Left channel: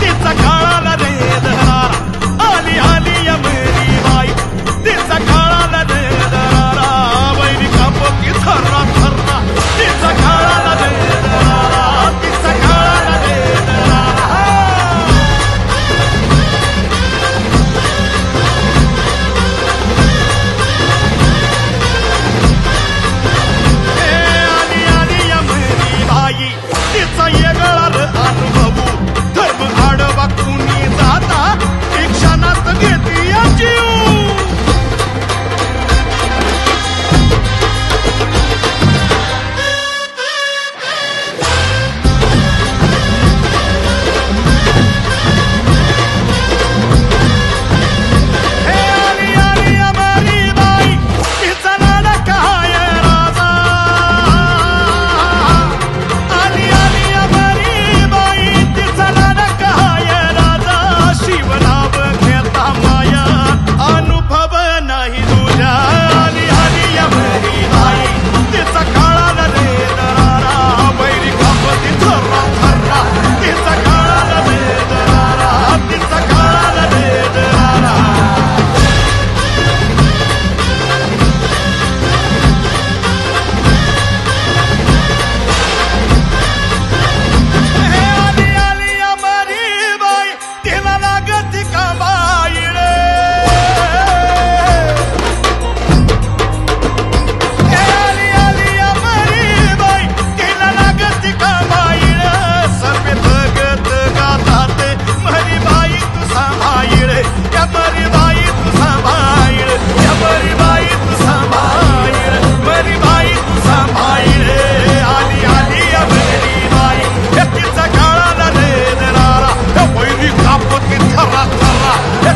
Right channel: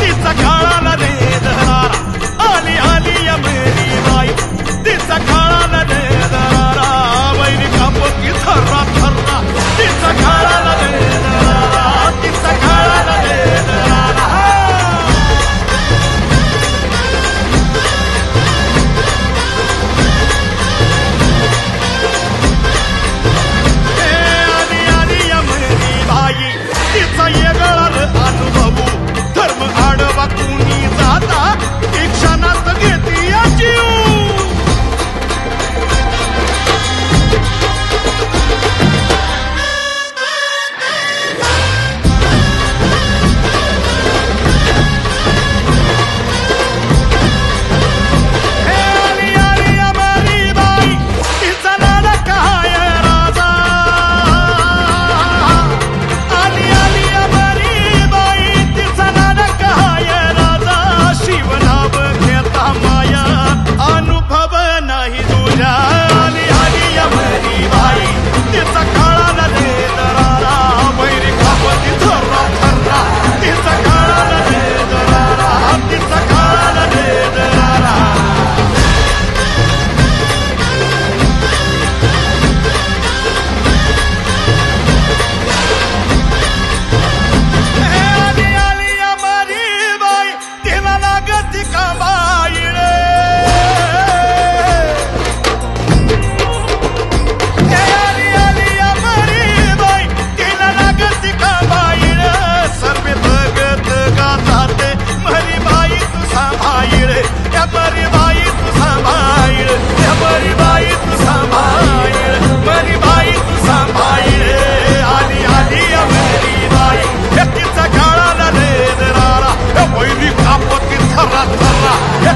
तिचा काळाला रे दरारा, आली आली या मेरी बाई, तिचा काळाला रे दरारा, वैरी कापती थर्रा थर्रा, तिचा काळाला रे दरारा, तिचा काळाला रे दरारा. हे आली आली या मेरी बाई, तिचा येगळा अनुभवू, धर्म आडवा कुणी जाता ती क्षणात घेती या जीव. हे आली आली अमारी बाई, तिचा नाडा काय राजा, आली आली अमारी बाई, तिचा नाडा काय राजा, शिवनाव घेता माया अनुभव नाही तुझ्या. आली आली अमारी बाई, तिचा काळाला रे दरारा, वैरी कापती थर्रा थर्रा, तिचा काळाला रे दरारा, तिचा काळाला रे दरारा. हे आली आली अमारी बाई, तिला लागती कांबाई रे. हे आली आली अमारी बाई, तिला लागती कांबाई रे. सर्वे भगत गातात मरी बाई तू सांभाळ, या मरी बाई तू सांभाळ, या मरी बाई तू सांभाळ, मरी बाई तू सांभाळ. आली आली अमेरी बाई, या तिचा काळाला रे दरारा, या वैरी कापती थर्रा थर्रा, या